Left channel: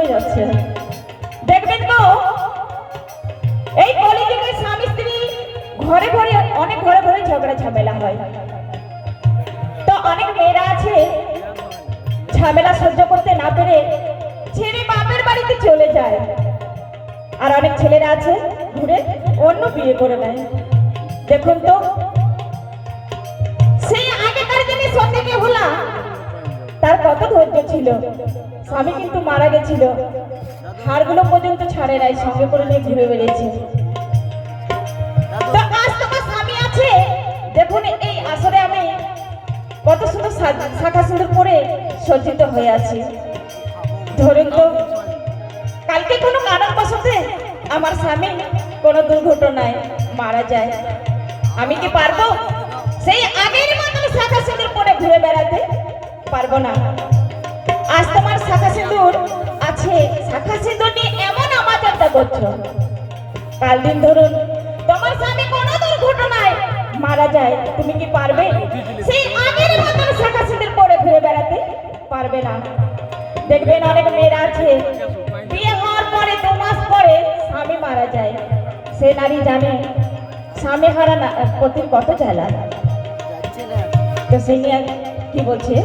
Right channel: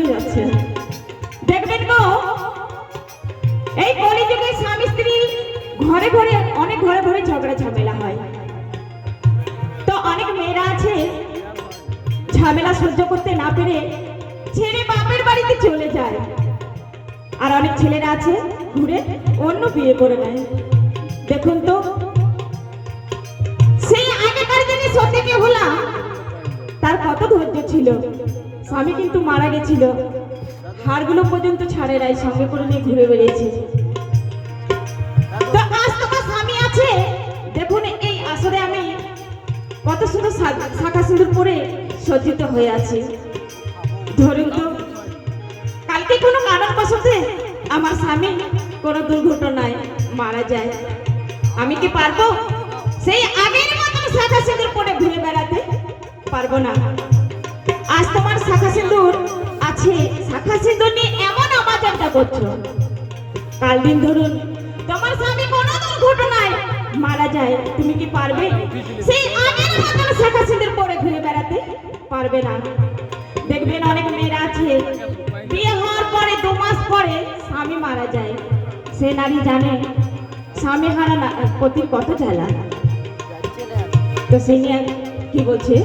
ঘুমে যাচ্ছে। দেখবেন তো এই কলিযুগে স্বামী স্ত্রী ঘরে ঘরে অনেক ঘরে ঘরে ঝগড়া ঝামেলা হয়। তো অনেক মেয়েরা আছে ঝামেলা সহ্য করতে না পেরে ছেড়ে বাপের বাড়িতে চলে যায়, আর অনেক ছেলেরা আছে ঘুরে অন্য বিয়ে করে নেয়। দেখুন তো সেই আগেকার দিনে সত্যি বেহুলা তার কত ধৈর্য ছিল। স্বামী কিন্তু মারা গেছিল, হাড়গুলো পর্যন্ত ছাড়ে নাই, সঙ্গে করে নিয়ে ঘুরে বেরিয়েছে। তো আজ তোমার স্বামী আছে, দেখুন এই আসরে আমি কত সুন্দর শাখা সিঁদুর পরে সজ্জিত হয়ে আছি। ধরুন তো কালকে কোনো কারণবশতে আমার স্বামী কোনো দুর্ঘটনায় মারা যায়, আমি কি পারবো সেই আগের মতন শাখা সিঁদুর পরে ঘুরে বেড়াতে? পারবো না। আজ তোমার শাখা সিঁদুর আছে, শাখা সিঁদুর নিয়ে এমন আমাজনটা করছো, কাল দিন ধরুন তোমার স্বামী কোনো দুর্ঘটনায় মারা যায়, তুমি কি পারবে সেই আগের মতন শাখা সিঁদুর পরে ঘুরে বেড়াতে? পারবে না। দেখবেন অনেক মেয়েরা আছে বিয়ে হওয়ার পরে 2 মাস পরে স্বামী মারা যায়, সে নারী জানে স্বামী হারা পতির কত জ্বালা। তো সে নিয়ে কি বলছে?